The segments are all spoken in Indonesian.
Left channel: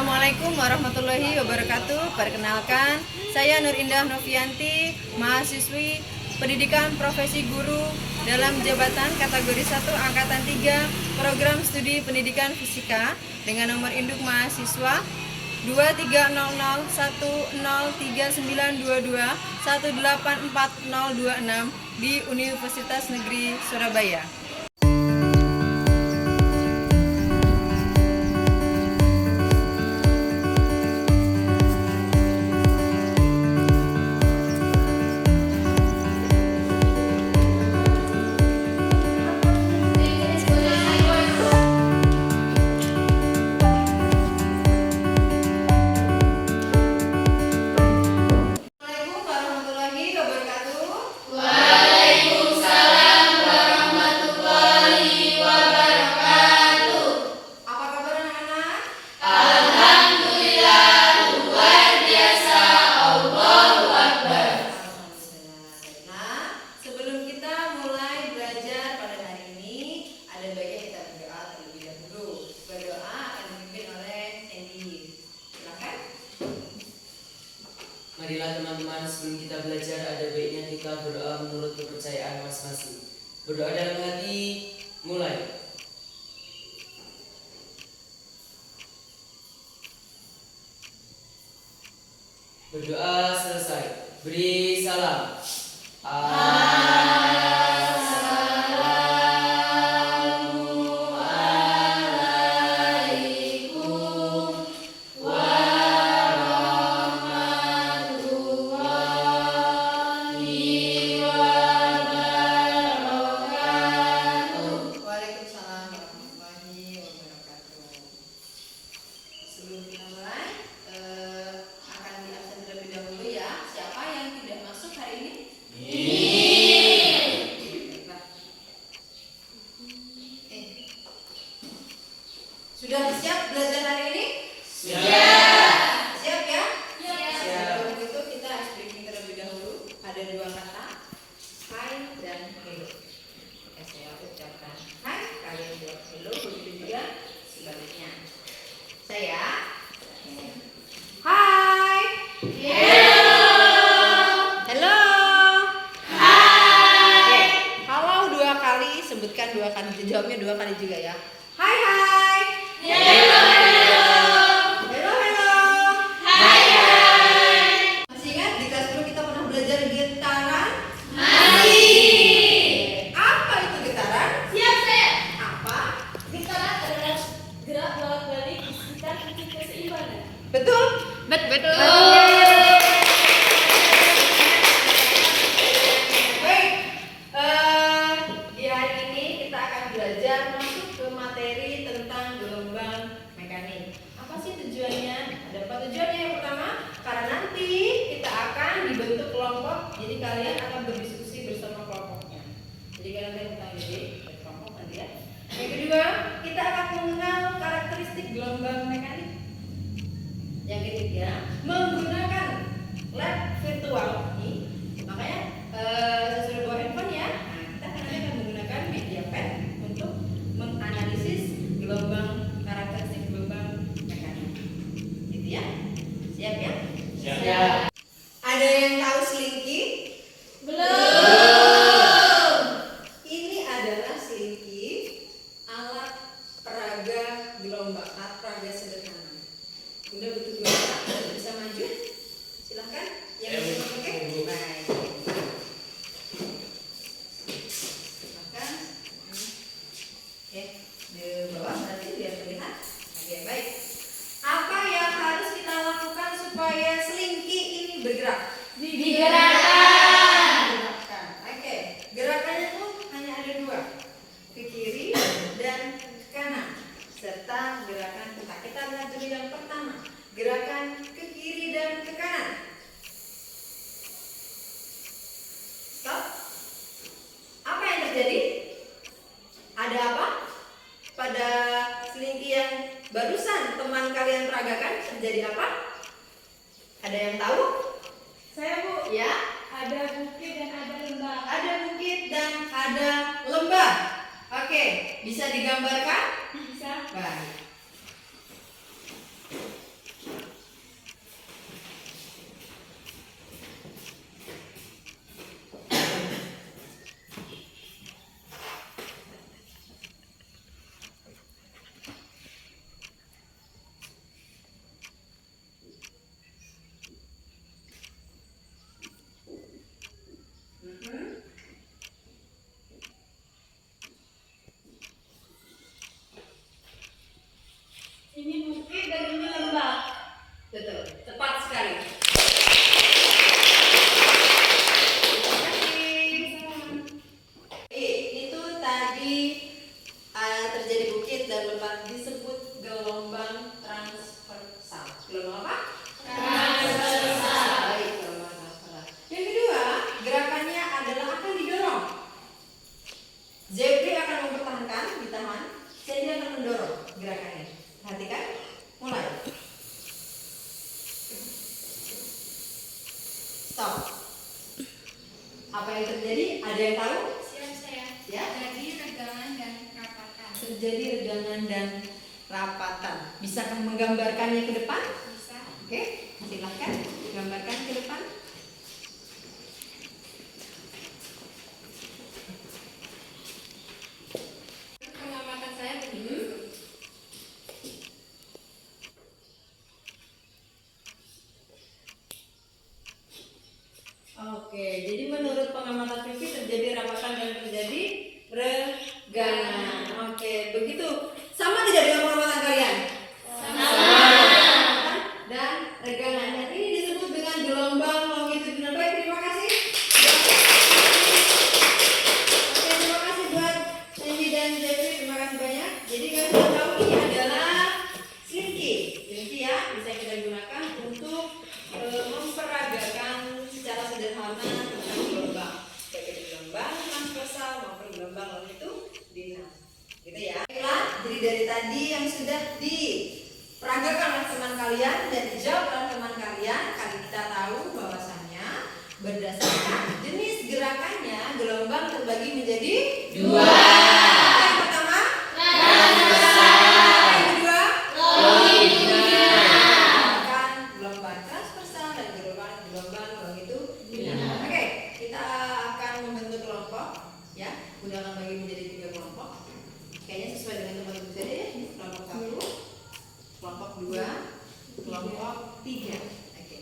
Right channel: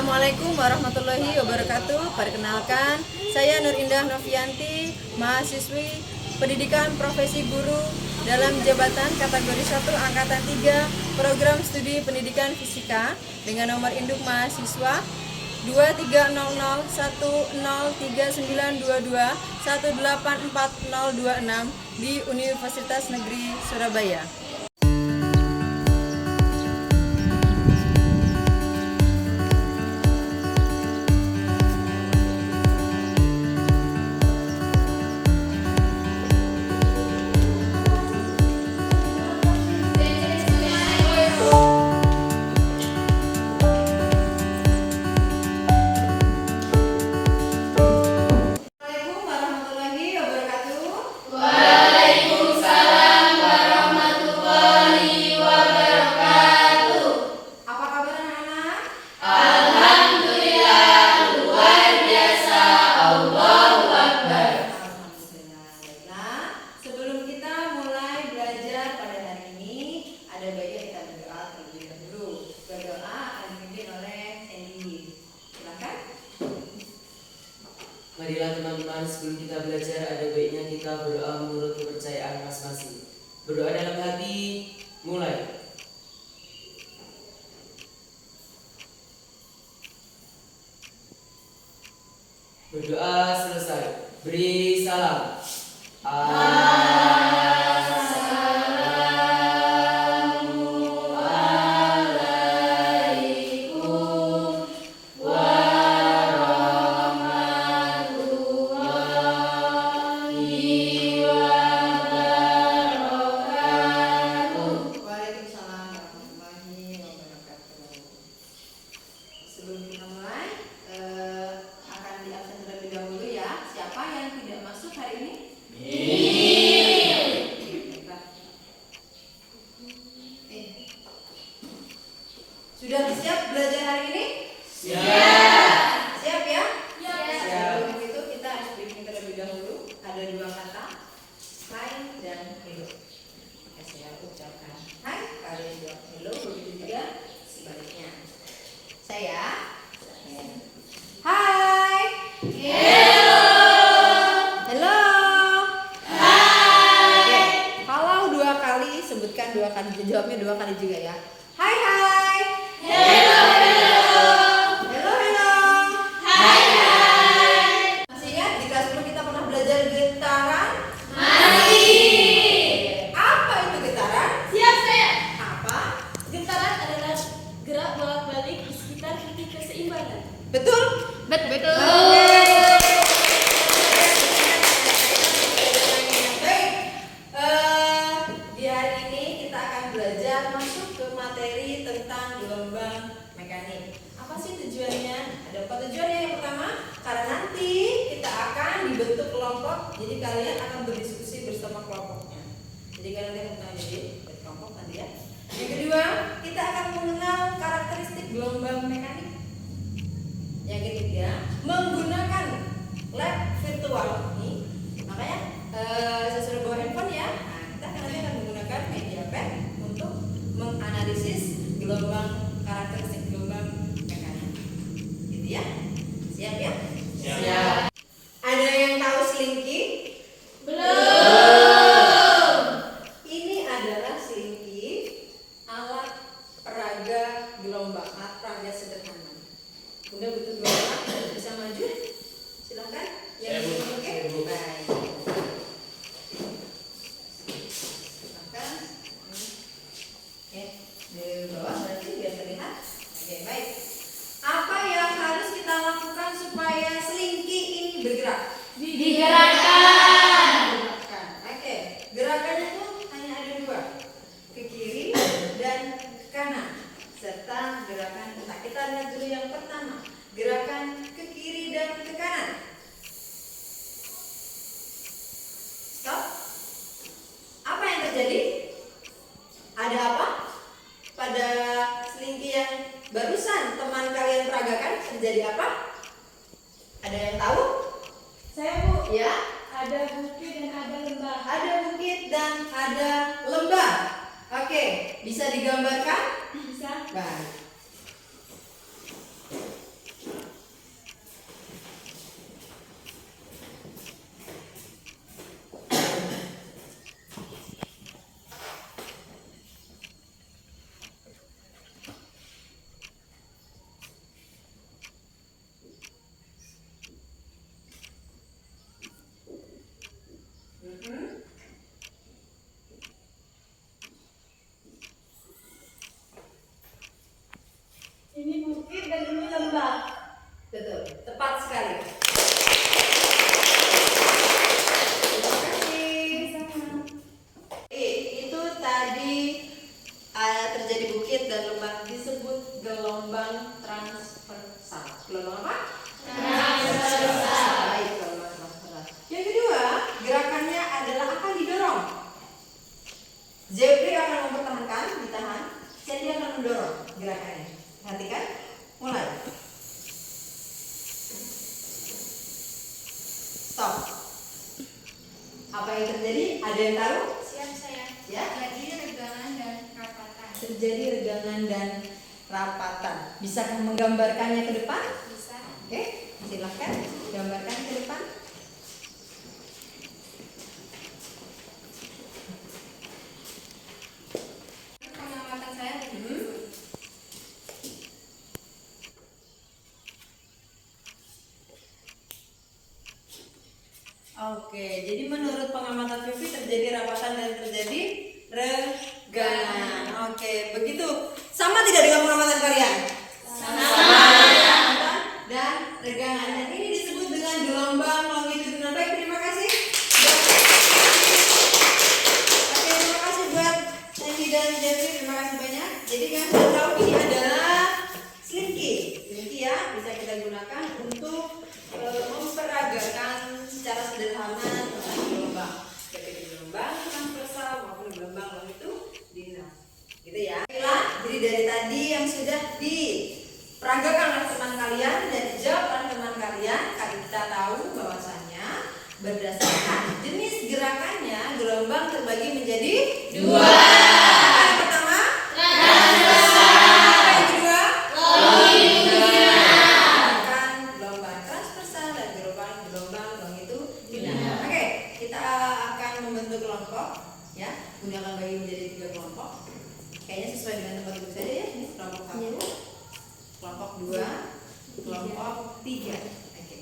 Assalamualaikum warahmatullahi wabarakatuh. Perkenalkan, saya Nur Indah Novianti, mahasiswi Pendidikan Profesi Guru dalam jabatan kategori 1 angkatan 3 program studi pendidikan fisika dengan nomor induk mahasiswa 2300103922184026 di Universitas Negeri Surabaya. Marilah teman-teman, sebelum kita belajar ada baiknya kita berdoa menurut kepercayaan masing-masing. Berdoa dalam hati, mulai. Berdoa selesai, beri salam. Sudah siap belajar hari ini? Siap. Siap ya? Siap. Sebelum itu kita harus briefing terlebih dahulu. Ada dua kata, hai dan hello. Oke, saya ucapkan hai, kalian jawab hello, begitu juga sebaliknya. Saya hai. Hello. Hello. Hai. Oke, kalau dua kali sebutkan dua kali, jawabnya dua kali juga ya. Hai hai. Hello, hello. Hello, hello. Hai, hai. Masih ingat di kelas dulu kita pernah belajar getaran? Masih. Apa itu getaran? Siap, saya. Apa? Getaran adalah gerak bolak-balik di sekitar titik keseimbangan. Betul? Betul. Baik. Di hari ini kita akan belajar masuk ke materi tentang gelombang mekanik. Apa sih tujuannya? Ada apa tujuannya? Yang pertama, karena nanti kita akan dibentuk kelompok, jadi kalian akan berdiskusi bersama kelompoknya. Jadi kalian akan jadi kelompok nanti ya. Yang kedua, kita akan mengenal karakteristik gelombang mekanik. Yang ketiga, menggunakan lab virtual ini, makanya saya suruh bawa handphone ya. Nah, kita nanti akan menggunakan media pad untuk menganalisis karakteristik gelombang mekanik. Gitu ya? Siap ya? Siap. Ada yang tahu Slinky? Belum. Ini adalah Slinky, alat peraga gelombang, alat peraga sederhana. Bunda butuh dua orang, bisa maju? Silahkan. Yang Ya, Bu. oke? Ya, Bu. Baik. Silahkan. Di bawah nanti biar terlihat. Oke, baik. Apa yang harus kita lakukan supaya Slinky ini bergerak? Digerakkan. Oke, gerakannya itu hanya ada dua, ke kiri dan ke kanan, serta gerakan ketak. Kita lihat dulu yang pertama, gerakan ke kiri dan ke kanan. Stop. Apa yang terjadi? Ada apa? Pada Slinky yang barusan teman kalian peragakan terjadi apa? Ada yang tahu? Saya, Bu. Ya. Ada bukit dan ada lembah. Ada bukit dan ada lembah. Oke, bisa digambarkan? Bisa. Baik. tadi terjadi bukit dan lembah disebut gelombang transversal. Gelombang apa? Transversal. Baik, gelombang transversal. Yang kedua, gerakannya adalah akan didorong. Jeffrey akan mempertahankan, ditahan. Sandy akan mendorong gerakannya. Perhatikan, mulai. Stop. Apa yang terjadi? Ada yang tahu? Siap saya. Ya. Terjadi regangan dan rapatan. Terjadi regangan dan rapatan. Bisakah menggambarkannya ke depan? Bisa. Oke, silakan gambarkan ke depan. Pengamatan saya begini. Oke, jadi menurut pengamatan Vivi terjadi rapatan dan terjadi regangan. Oke, begitu. Sama tidak dengan pengamatan kalian? Sama. Dan regangan. Dan ini disebut dengan gelombang longitudinal. Baik, terima kasih. Oke, terima kasih buat Sandy dan Jeffrey. Terima kasih banyak. Jadi kan sudah tahu ini adalah slinky. Slinky ya, bisa kita gunakan untuk memperagakan secara sederhana tentang gelombang, baik itu gelombang transversal maupun gelombang longitudinal, gitu ya. Baiklah, jadi dari tadi yang sudah diperagakan oleh teman kalian dan dijawab oleh teman kalian, kita tahu bahwasannya berdasarkan jenis gerakannya gelombang terbagi menjadi dua. Apa yang pertama? Transversal. Apa yang kedua? Longitudinal. Gelombang transversal dan gelombang longitudinal. Oke, kita akan membentuk kelompok, ya. Bunda akan bagi menjadi 3 kelompok. Kayaknya sesuai dengan tempat duduk saja ya. Ini kelompok 1, kelompok 2, kelompok 3. Oke.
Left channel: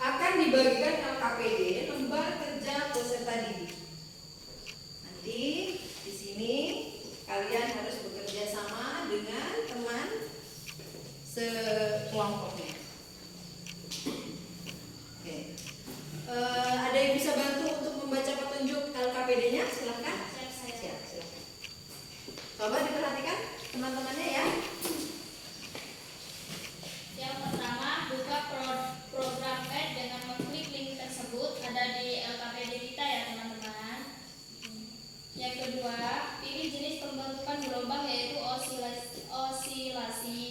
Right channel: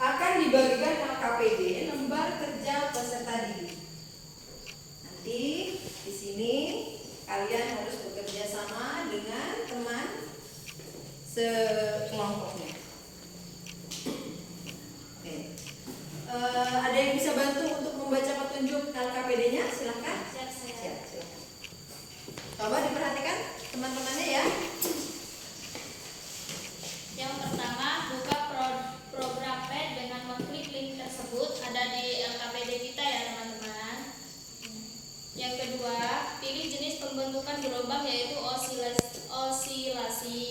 Akan dibagikan LKPD, lembar kerja peserta didik. Nanti di sini kalian harus bekerja sama dengan teman sekelompoknya. Oke. Ada yang bisa bantu untuk membaca petunjuk LKPD-nya? Silahkan. Siap saya. Siap, silahkan. Coba diperhatikan teman-temannya ya. Yang pertama, buka program pad dengan mengklik link tersebut, ada di LKPD kita ya teman-teman. Yang kedua, pilih jenis pembentukan gelombang yaitu osilasi.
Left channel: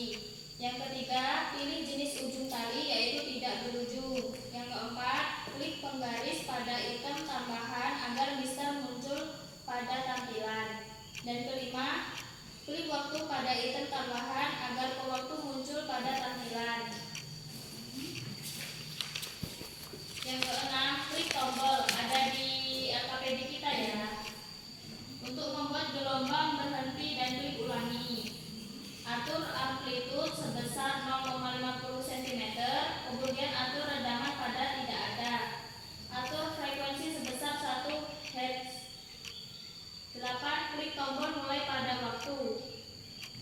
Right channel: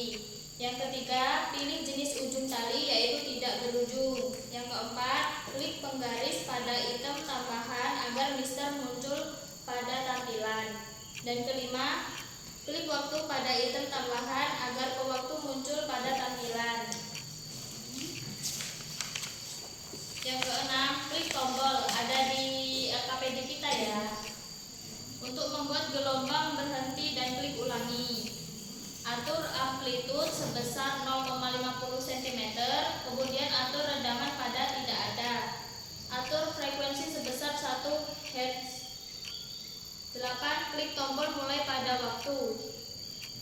Yang ketiga, pilih jenis ujung tali yaitu tidak berujung. Yang keempat, klik penggaris pada item tambahan agar mister muncul pada tampilan. Dan kelima, klik waktu pada item tambahan agar waktu muncul pada tampilan. Yang keenam, klik tombol ada di LKPD kita ya. Untuk membuat gelombang berhenti dan klik ulangi. Atur amplitude sebesar 0,50 cm, kemudian atur redaman pada tidak ada. Atur frekuensi sebesar 1 Hz. 8. Klik tombol mulai pada waktu.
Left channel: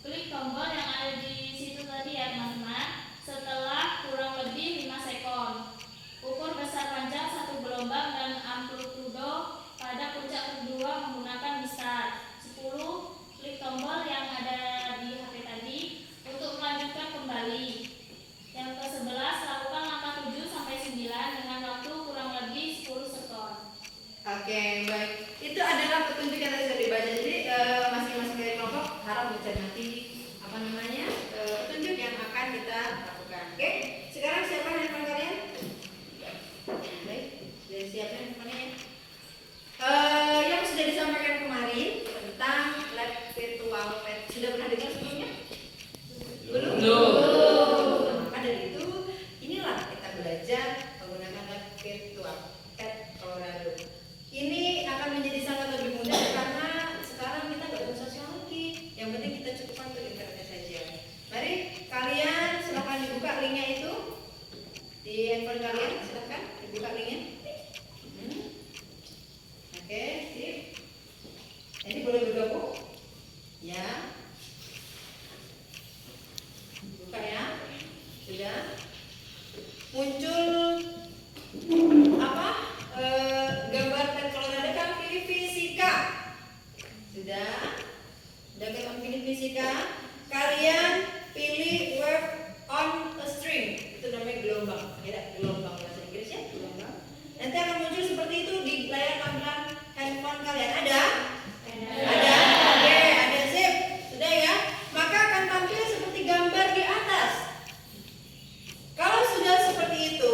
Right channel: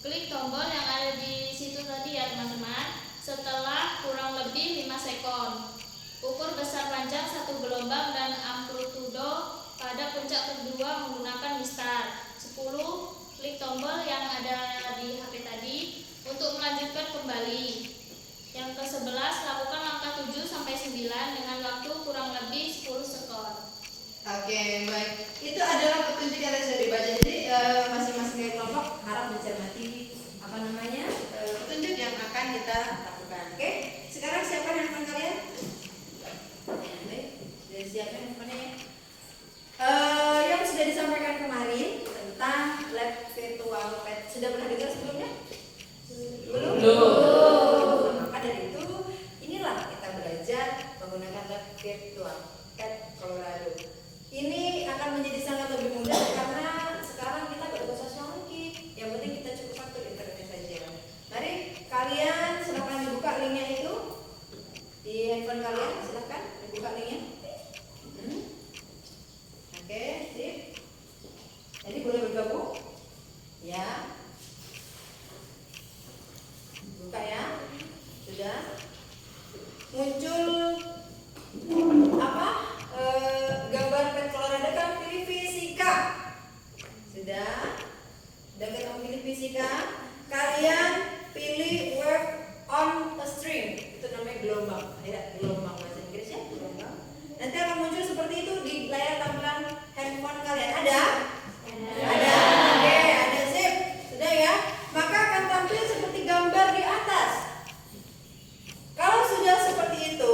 Klik tombol yang ada di situ tadi ya teman-teman. Setelah kurang lebih 5 sekon. Ukur besar panjang satu gelombang dan amplitudo pada puncak kedua menggunakan mistar. 10. Klik tombol yang ada di HP tadi untuk melanjutkan kembali. Yang ke-11, lakukan langkah 7 sampai 9 dengan waktu kurang lebih 10 sekon. Oke, baik. Itu adalah petunjuk yang sudah dibaca. Jadi masing-masing dari kelompok harap mencermati petunjuk yang akan kita lakukan. Oke, sekarang siapkan handphone kalian. Baik, sudah siapkan handphonenya ya. Yang sudah di fisika, kalian pilih word on a string. Itu namanya gelombang. Beda gelombang bahasa Inggrisnya gelombang. Nanti akan muncul seperti itu di layar tampilan handphone kalian. Ada? Ada. Oke, ada zip. Sudah ya? Maka akan tampil seperti gambar di atas. Kalau sudah seperti itu,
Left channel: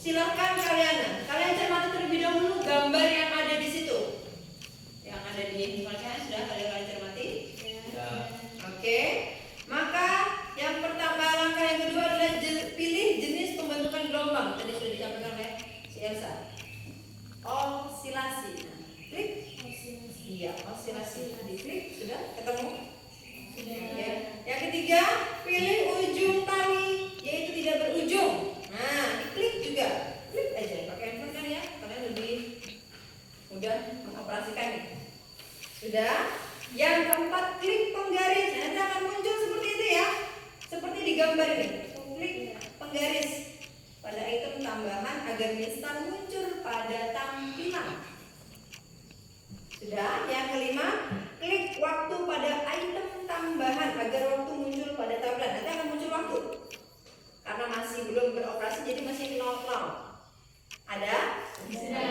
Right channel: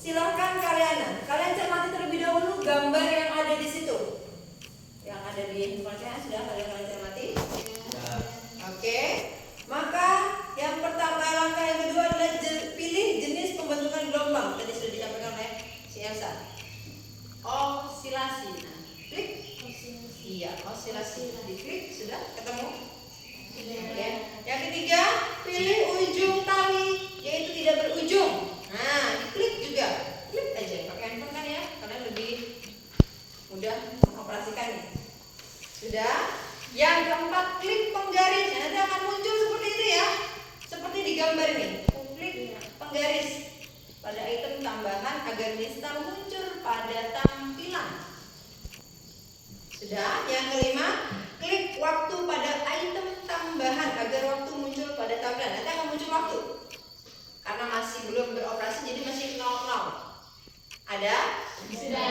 silahkan kalian cermati terlebih dahulu gambar yang ada di situ. Yang ada di handphone sudah kalian cermati? Oke. Maka yang pertama, langkah yang kedua adalah pilih jenis pembentukan gelombang. Tadi sudah disampaikan oleh si Elsa. Osilasi. Nah, klik. Iya, osilasi. Diklik, sudah ketemu? Sudah. Oke. Yang ketiga, pilih ujung tali, yaitu tidak berujung. Nah, diklik juga. Klik aja. Pakai handphone kan ya? Kalian lebih mudah mengoperasikan nih. Sudah. Yang keempat, klik penggaris. Nanti akan muncul seperti itu ya. Seperti di gambar ini. Klik penggaris pada item tambahan agar mistar muncul pada tampilan. Sudah. Yang kelima, klik waktu pada item tambahan agar waktu muncul pada tampilan. Nanti akan muncul waktu. Karena masih belum beroperasi, jadi masih 00. Ada? Sudah.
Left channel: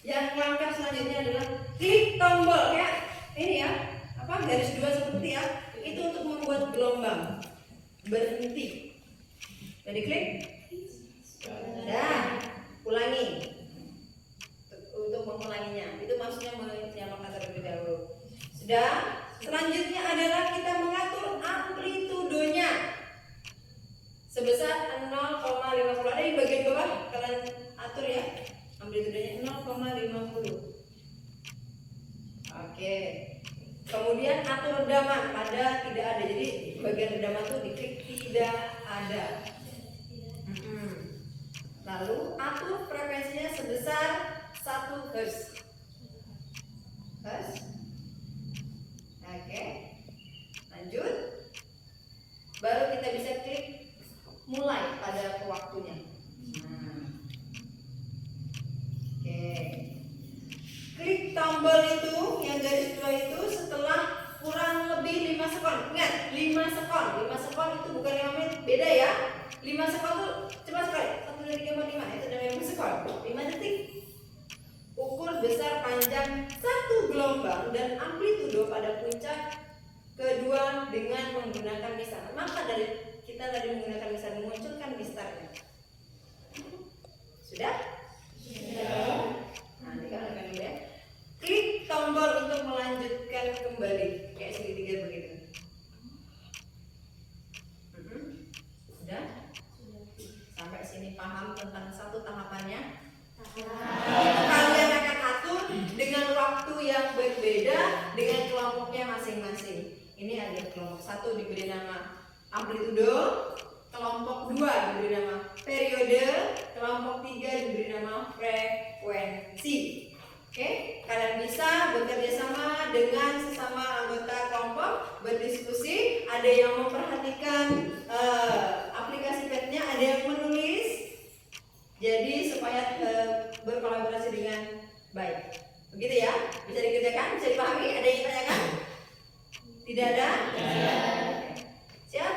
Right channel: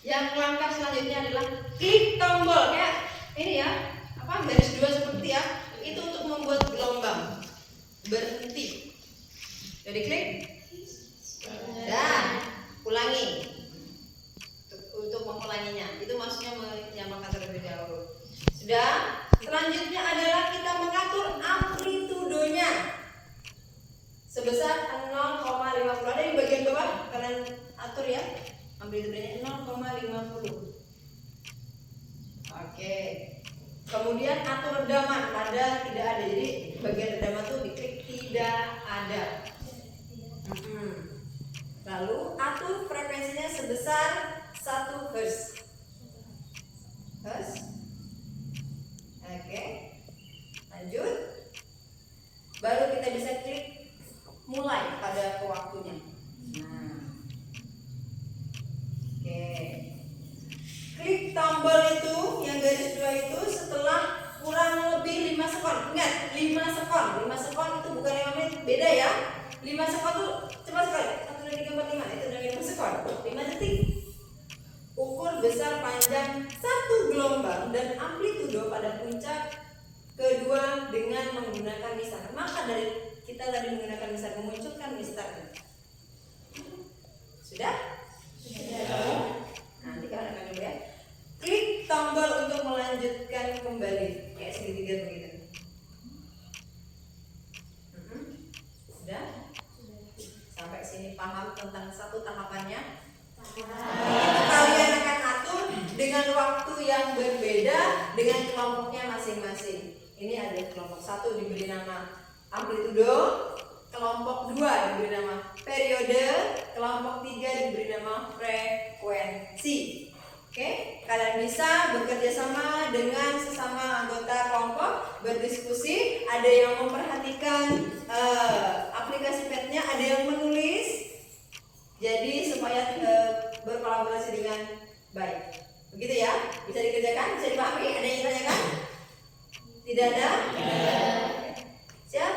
Yang langkah selanjutnya adalah klik tombol ya. Ini ya, garis 2 seperti ya. Itu untuk membuat gelombang berhenti. Jadi klik. Dan ulangi. Untuk mengulanginya, itu maksudnya menyamakan terlebih dahulu. Sudah. Selanjutnya adalah kita mengatur amplitudonya sebesar 0,50. Ada di bagian bawah, kalian atur ya. Amplitudenya 0,50. Oke. Kemudian atur redaman pada tidak ada. Jadi bagian redaman tuh diklik tidak ada. Lalu atur frekuensinya sebesar 1 Hz. Oke. Lanjut. Baru kita bisa klik mulai pada waktunya. Oke. Klik tombol itu yang garis 2 itu setelah kurang lebih 5 sekon. Ingat, 5 sekon. 5 sekon itu bukan 5 menit, beda ya. 5 sekon itu cepat sekali. 1 2 3 4 5 itu namanya 5 sekon. 5 detik. Ukur besar panjang satu gelombang dan amplitudo pada puncak kedua dengan menggunakan mistar. Maka dari kita tadi menggunakan mistar memunculkan mistarnya. Sudah? Nanti kalian akan dulu ya. Klik tombol untuk melanjutkan kembali kayak segitiga begitu. Sudah? Sampai sini paham tentang satu tahapannya? Itu kalian akan atur dengan waktu yang berbeda dengan kelompoknya masing-masing. Ini ada kelompok 1 diberi nama amplitudo, kelompok 2 diberi nama periode, kelompok 3 diberi nama frekuensi. Oke, kalian bisa bekerja sama dengan sesama anggota kelompok, berdiskusi. Ada yang memperhatikan aplikasi petnya, ada yang menulis. Jadi supaya berkolaborasi dengan baik. Begitu ya? Bisa dikerjakan? Bisa dipahami? Ada yang tanyakan? Tidak ada? Siap?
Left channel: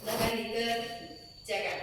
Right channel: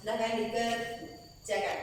Silahkan dikerjakan.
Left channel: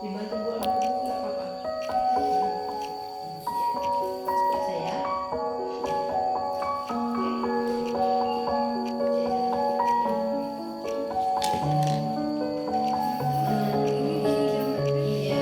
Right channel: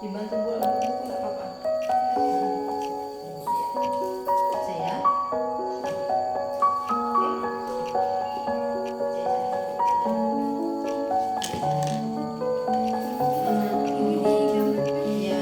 Dibantu buat buku nggak apa-apa. Saya. Iya.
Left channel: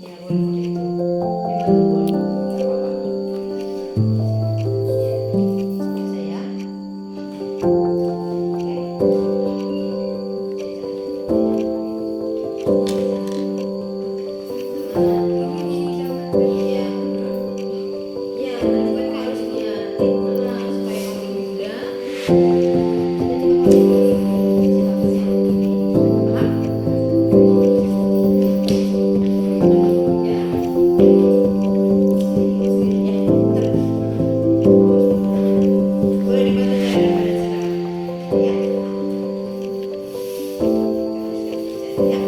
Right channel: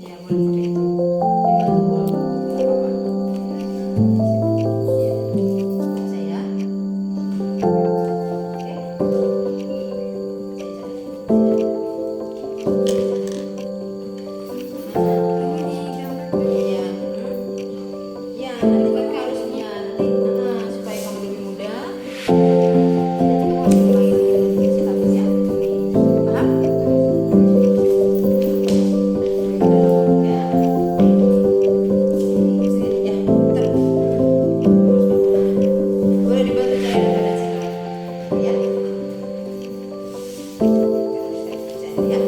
Ya boleh pakai itu. Dibantu boleh. Nggak apa-apa. Ya. Saya. Oke. Iya. Ya, nanti kamu harusnya nanti supaya kamu lebih mudah. Nanti kamu harus ulangi sikapnya. Paham? Ya. Sini, ya. Bentar. Boleh dibantu cari pada silakan. Ya. Ya.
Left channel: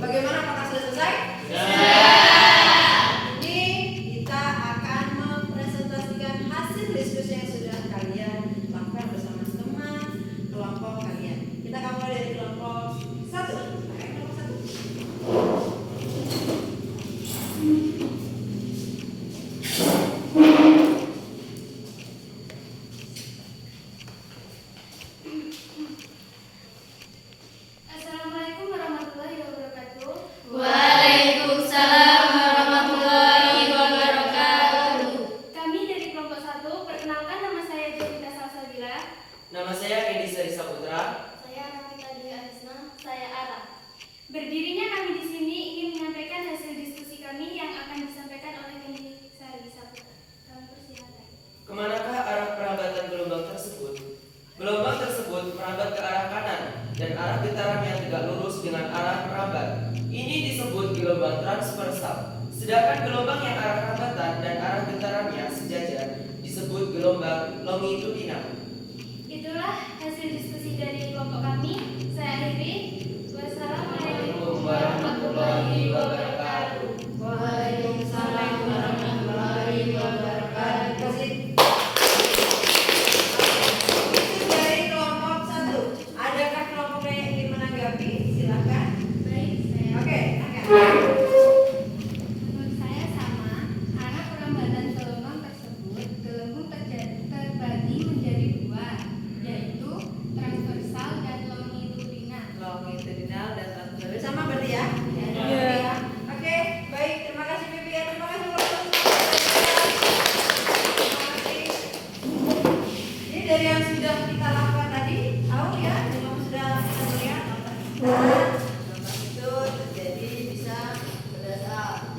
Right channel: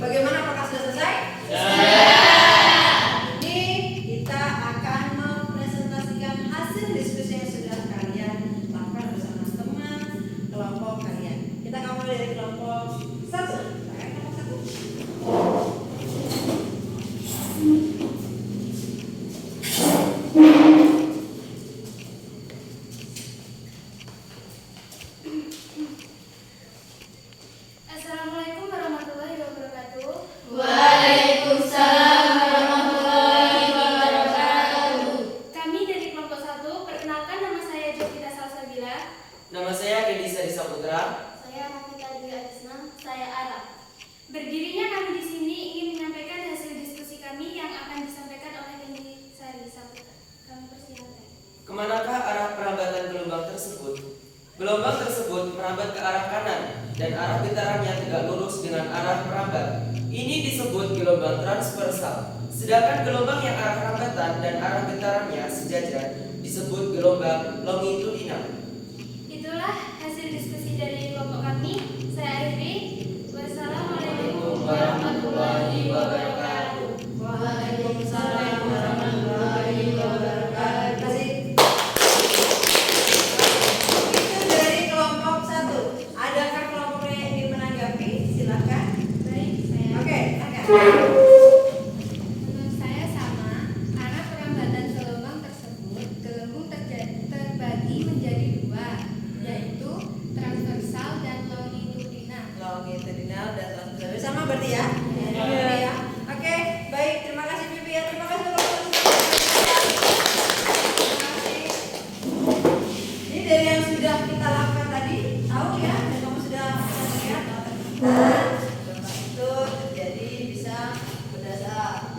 Bagaimana, apakah sudah selesai? Ini kita akan mempresentasikan hasil diskusi yang sudah kalian lakukan bersama teman kelompok kalian. Kita akan mulai dari kelompok 1. Pakai kelompok 1. Assalamualaikum warahmatullahi wabarakatuh. Waalaikumsalam warahmatullahi wabarakatuh. Kami dari kelompok 1, perkenalkan nama saya Jovita Salsabila. Nama saya Kendi Sari Saputra. Saya Rafika Dwi Adisna. Saya Ara. Berdirinya kami di sini ingin menyampaikan hasil diskusi kami yang akan disampaikan oleh Kendi Sari Saputra. Kami persilakan. Kemanakah arah perambatan gelombang tersebut? Gelombang tersebut merambat ke arah kanan dan arah getarannya tegak lurus dengan arah merambat. Ini disebut gelombang transversal. Sedangkan gelombang yang arah rambatan dan arah getarannya sejajar disebut gelombang longitudinal. Itulah hasil diskusi dari kelompok kami. Saya akhiri. Wassalamualaikum warahmatullahi wabarakatuh. Waalaikumsalam warahmatullahi wabarakatuh. Terima kasih. Itu dari kelompok 1. Adakah kelompok yang ingin menanggapi? Silakan. Baik, saya. Oke, Menurut saya sama, karena perambatan gelombang tersebut, gelembung terbagi menjadi dua, yaitu transversal dan longitudinal. longitudinal dan transversal sama berarti ya? Ya. Oke, baik. Terima kasih Bibi ya. Terima kasih Bapak. Terima kasih. Ini dari yang sudah kita lakukan tadi, tahu ya? Dan kamu sudah bisa melihat bahwa ternyata gelombang itu terjadi bisa berdasar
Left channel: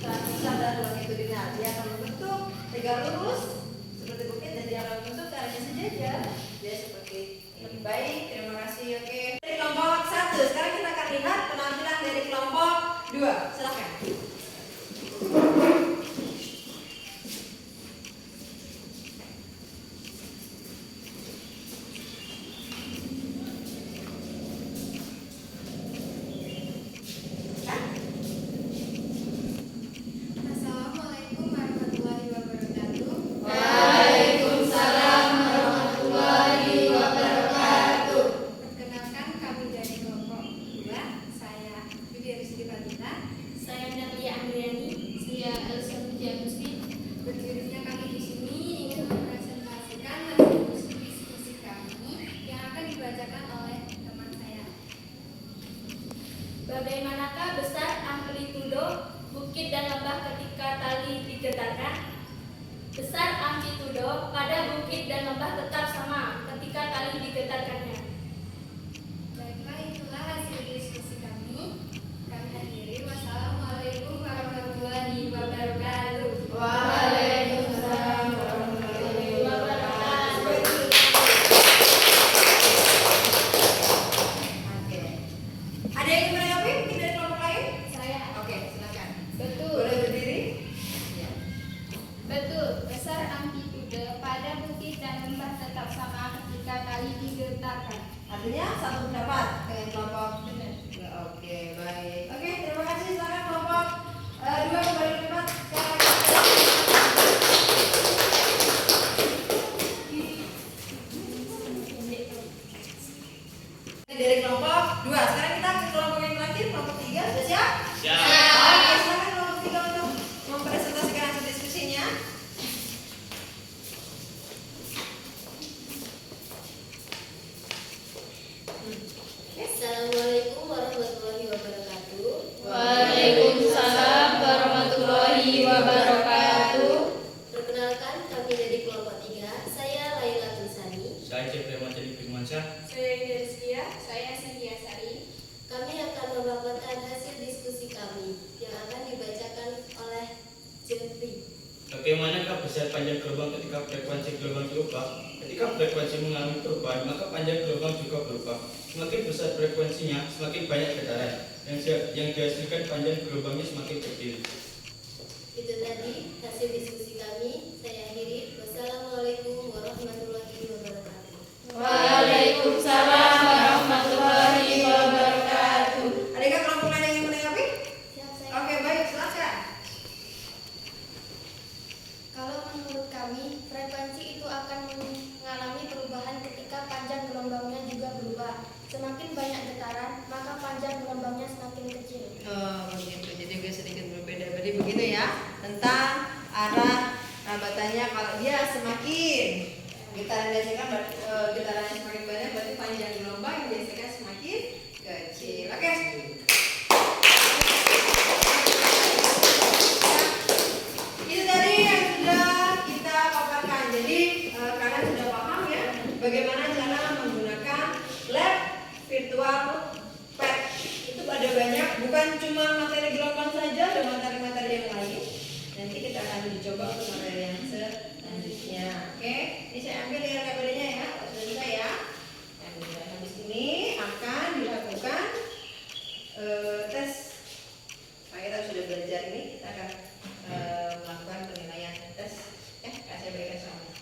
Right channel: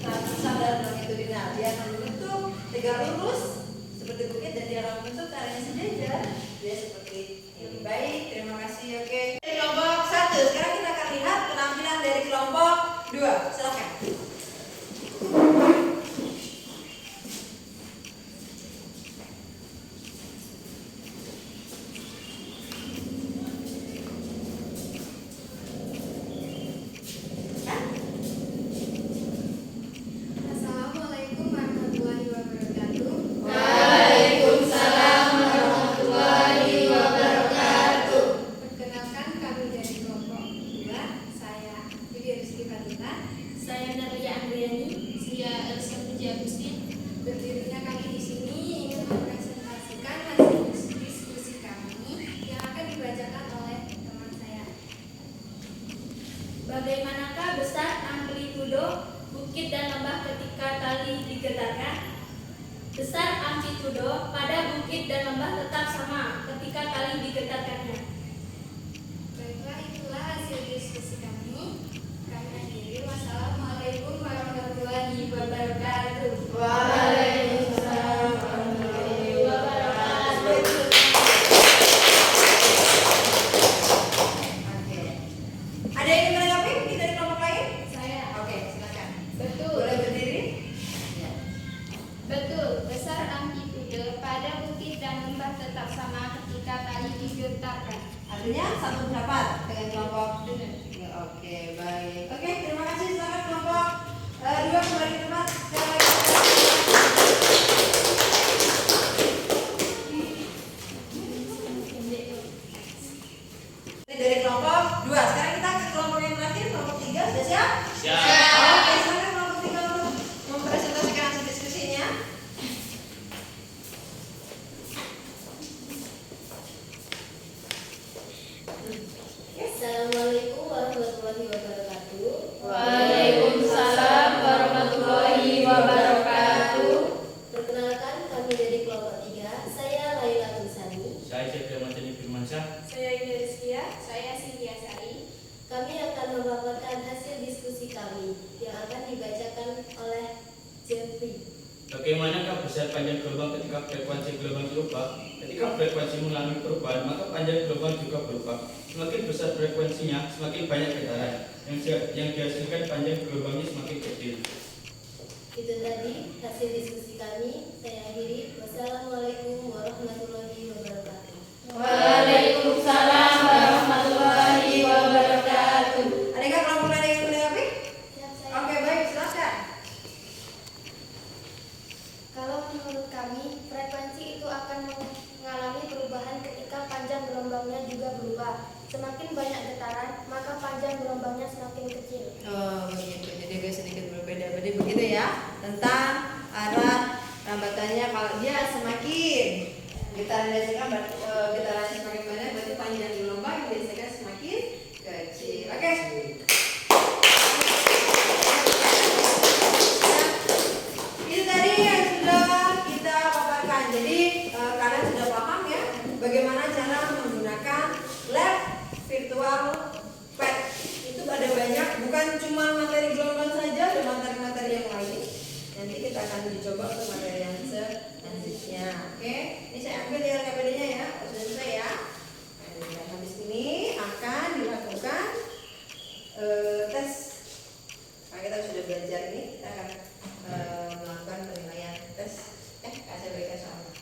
transversal dan longitudinal. Dia akan membentuk tegak lurus seperti bukit dan dia akan membentuk caranya sejajar. Dia seperti ini. Baik, terima kasih. Oke. Dari kelompok 1, sekarang kita akan lihat penampilan dari kelompok 2. Silakan. Assalamualaikum warahmatullahi wabarakatuh. Waalaikumsalam warahmatullahi wabarakatuh. Perkenalkan kami dari kelompok Bagaimanakah besar amplitudo bukit dan lembah ketika tali digetarkan? Besar amplitudo pada bukit dan lembah tetap sama ketika tali digetarkannya. Baiklah, itulah hasil diskusi kami. Kami akhiri. Wassalamualaikum warahmatullahi wabarakatuh. Waalaikumsalam warahmatullahi wabarakatuh. Oke. Ada yang ingin menanggapi mungkin dari kelompok lain? Saya. Oke, silakan. Betul. Boleh berdiri? Ya. Betul. Besar amplitude pada bukit dan lembah tetap sama ketika tali digetarkan. Artinya satu pendapat dengan kelompok. Ya, oke, baik. Oke, terima kasih. Silakan kelompok dua kembali ke tempat. Sekali lagi. Ini dari kelompok dua. Sekarang kita ke kelompok yang terakhir, kelompok tiga. Sudah siap? Siap. Oke, silakan kelompok tiga untuk mempresentasikan hasil diskusinya. Assalamualaikum warahmatullahi wabarakatuh. Waalaikumsalam warahmatullahi wabarakatuh. Perkenalkan, kami dari kelompok 3. Saya Laila Tunsani. Saya Cek Materi Firmansyah. Saya Ida Rizkia. Saya Sintia Sari. Kami akan memaparkan hasil diskusi kami yang akan dibacakan oleh Jeffrey. Bagaimanakah besar panjang gelombang ketika frekuensi gelombang berubah? Ketika frekuensi mengalami perubahan, maka panjang gelombang juga berubah. Semakin besar frekuensinya, semakin banyak getaran. Yang dihasilkan panjang gelombangnya semakin kecil. Itu tadi hasil diskusi kami. Saya akhiri. Wassalamualaikum warahmatullahi wabarakatuh. Waalaikumsalam warahmatullahi wabarakatuh. Adakah kelompok lain yang ingin menanggapi? Siap, saya. Oke, baik, silakan. Kalau menurut kami, frekuensi itu akan mengalami perubahan ketika panjang gelombangnya juga berubah. Semakin banyak getaran, maka panjang gelombangnya semakin kecil. Oh begitu, jadi gue sedikit berbeda. Berarti begitu ya, tentang arah rambatannya. Kalau dia semakin getaran dihasilkan, getarannya semakin banyak, berarti panjang gelombang yang dihasilkan semakin kecil. Oke. Itu tadi yang sudah kita paparkan. Jadi kalian sudah paham ya bagaimana cara menggunakan lab virtual pad. Itu ada banyak, bukan cuma materi gelombang saja, ada materi-materi yang lain. Nanti kita akan dicoba untuk materi yang selanjutnya. Oke, ini saya ambil di RKPD-nya ya, sudah selesai ya. Dan habis ini akan dilakukan tes. Nah, kita sudah belajar ini, kita akan melakukan penilaian tes KCBK soalnya.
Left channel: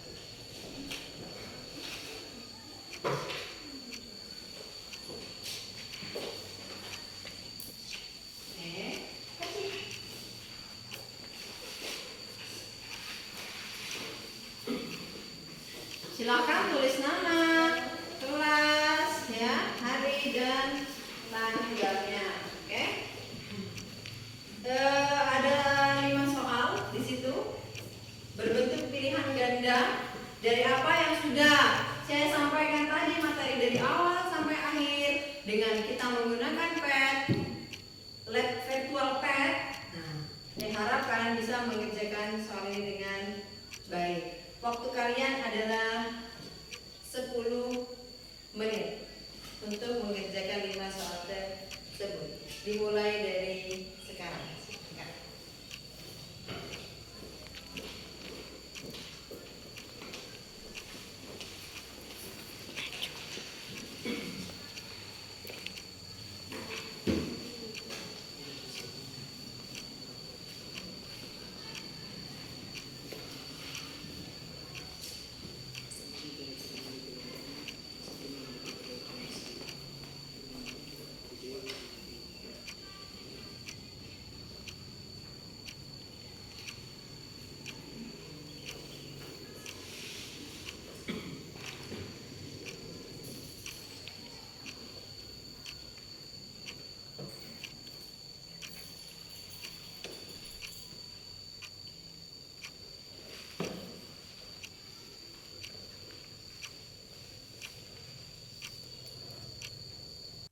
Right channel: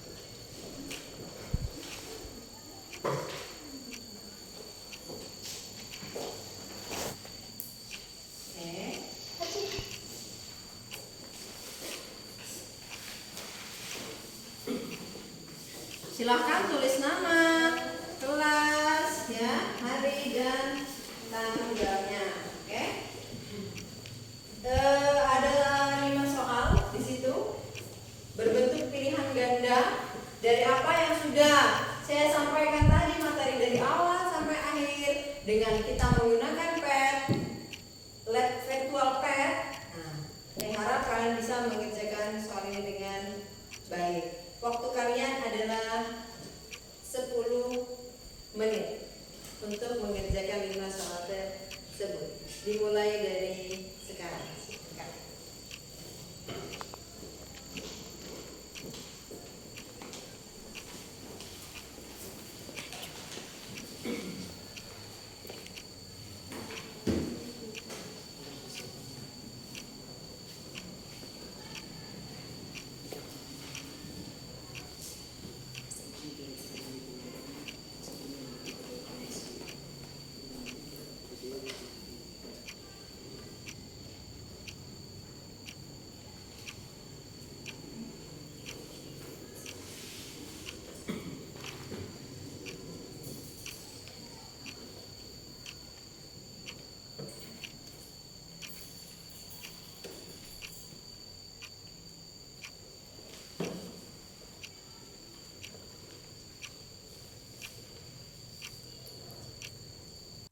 Silakan tulis nama, kelas, ya, hari dan tanggalnya. Oke. Ada 5 soal di situ berbentuk pilihan ganda dari apa yang sudah saya sampaikan tadi, materi dari awal sampai akhir dengan kita menggunakan pad, lab virtual pad. Nah, saya harap kalian bisa mengerjakan soal ini dengan baik. Waktu kalian adalah 10 menit untuk mengerjakan 5 soal tersebut. Dimulai dari sekarang.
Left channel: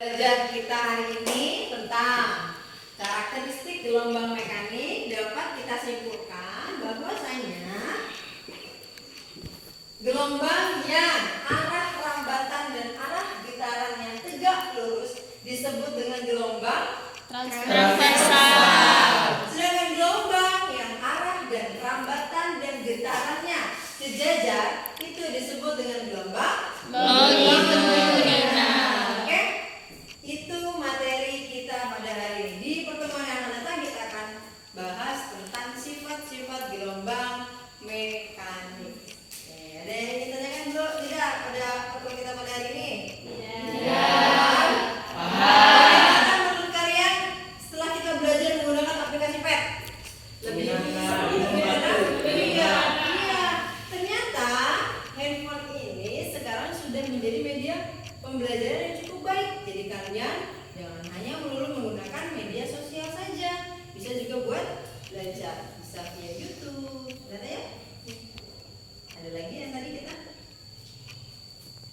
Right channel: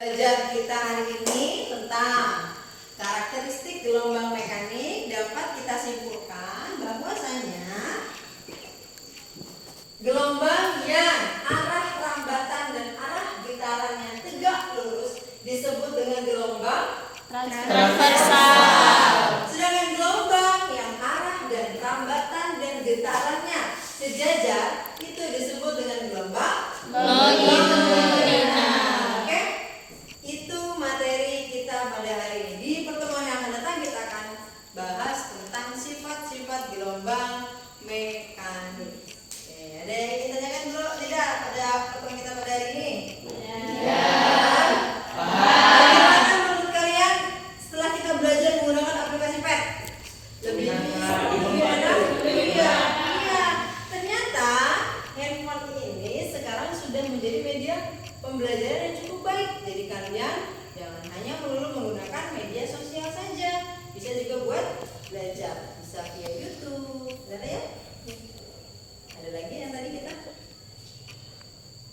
Belajar kita hari ini tentang tentang karakteristik gelombang mekanik, dapat kita simpulkan bahwasanya gelombang yang arah rambatan dan arah getarannya tegak lurus disebut dengan gelombang Transversal. Sedangkan gelombang yang arah dan rambatan dan getarannya sejajar itu disebut dengan gelombang longitudinal. Oke? Itu materi kita pada hari ini. Di pertemuan yang akan datang kita akan bahas tentang sifat-sifat gelombang mekanik. Oke, ada yang ingin tanyakan bro? Tidak pada pertemuan kita pada hari ini? Ya. Bagaimana menurut kalian setelah kita belajar menggunakan aplikasi PET? Lebih enak? Iya. Ternyata handphone ini sekarang sudah menjadi media pembelajaran yang cukup baik. Jadi kalian jangan hanya melulu menggunakan media sosial saja, bisa juga buat belajar, bisa via YouTube. Benar ya? Ada lagi yang tadi kita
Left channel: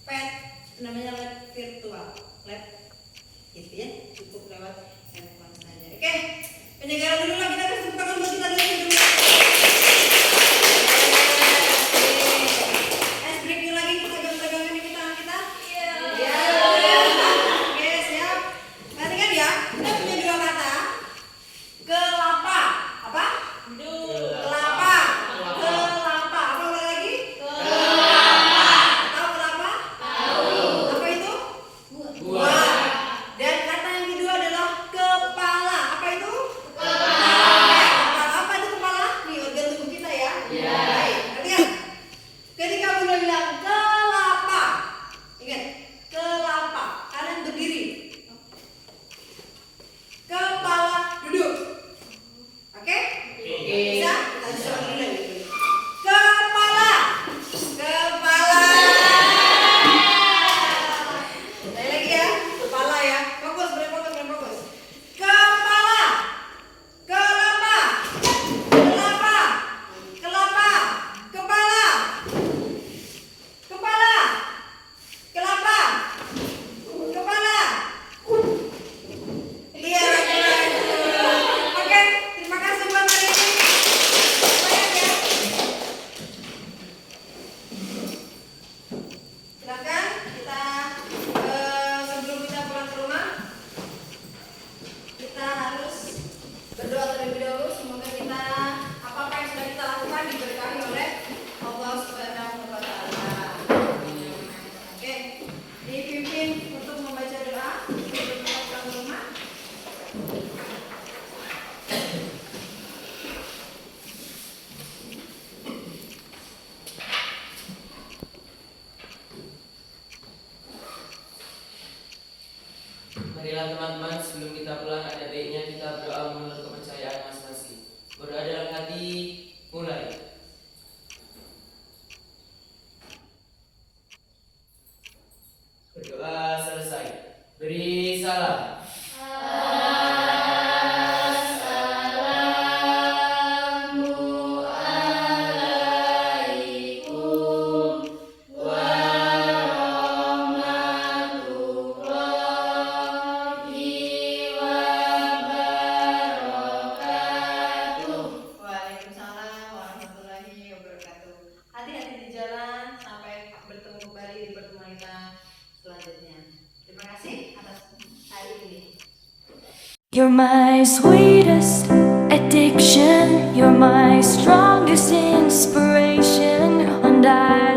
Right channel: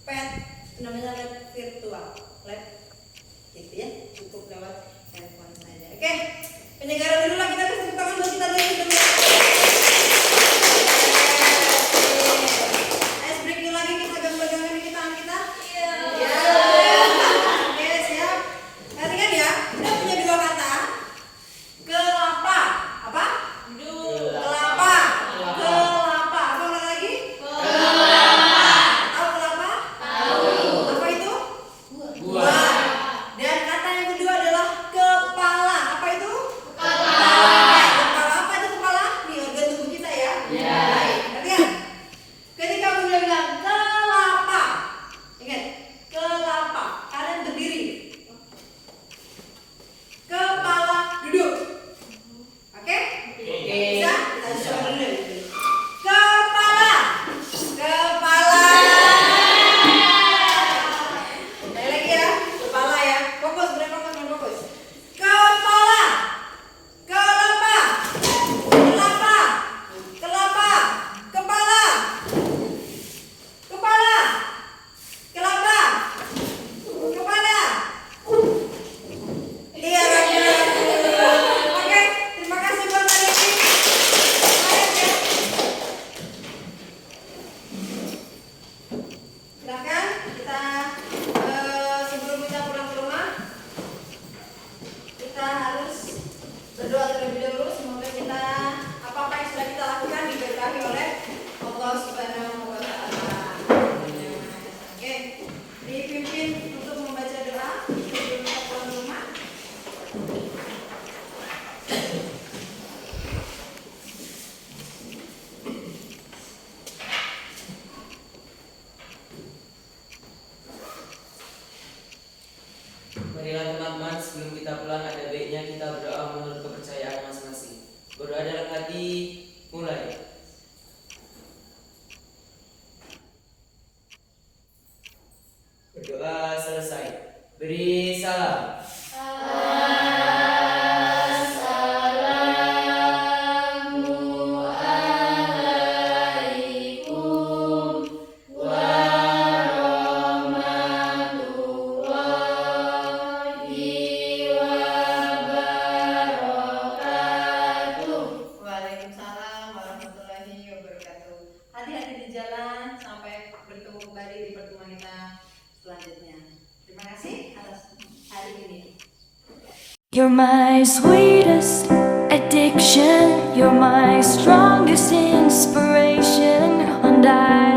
PET, namanya lab virtual, lab gitu ya, cukup lewat handphone saja. Oke, penyegaran dulu lah, kita kasih tepuk tangan buat kita dulu. Ice breaking lagi, kita pegang-pegangan ini tangan kita. Iya. Oke, siap. Perhatikan ya, kita punya dua kata. Kelapa. Apa? Kelapa. Kelapa. Apa lagi? Tahu kelapa? Apa itu? Buah. Dan kata yang kedua adalah kepala. Apa itu? Kepala. Apa itu kepala? Nih organ tubuh kita ya. Baik. Perhatikan. Ketika Bunda bilang kelapa, ingat kelapa. Kalian berdiri. Kepala duduk. Oke? Bisa? Kita coba dulu. Kepala. Kepala. Sekali lagi ya, kepala ya. Fokus, fokus. Kepala. Kelapa. Kelapa. Kelapa. Kepala. Kepala. Kelapa. Kepala. Iya, oke, terima kasih buat Mbak Desi. Semangat ya. Silakan kita sebelum kita pulang ke rumah, kita harus berdoa terlebih dahulu. Semoga kita apa-apa yang sudah kita lakukan diberkahi oleh Allah Subhanahu wa Ta'ala. Oke, dipimpin untuk membaca doa sebelum kita pulang ke rumah. Marilah teman-teman, sebelum kita pulang ada baiknya kita berdoa menurut kepercayaan masing-masing. Berdoa dalam hati, mulai. Berdoa selesai. Beri salam. Waalaikumsalam warahmatullahi wabarakatuh. Hati-hati di jalan sampai bertemu kembali di pertemuan kita selanjutnya. Terima kasih atas hari ini. You're my sweetest addiction, you're my strongest inspiration, and I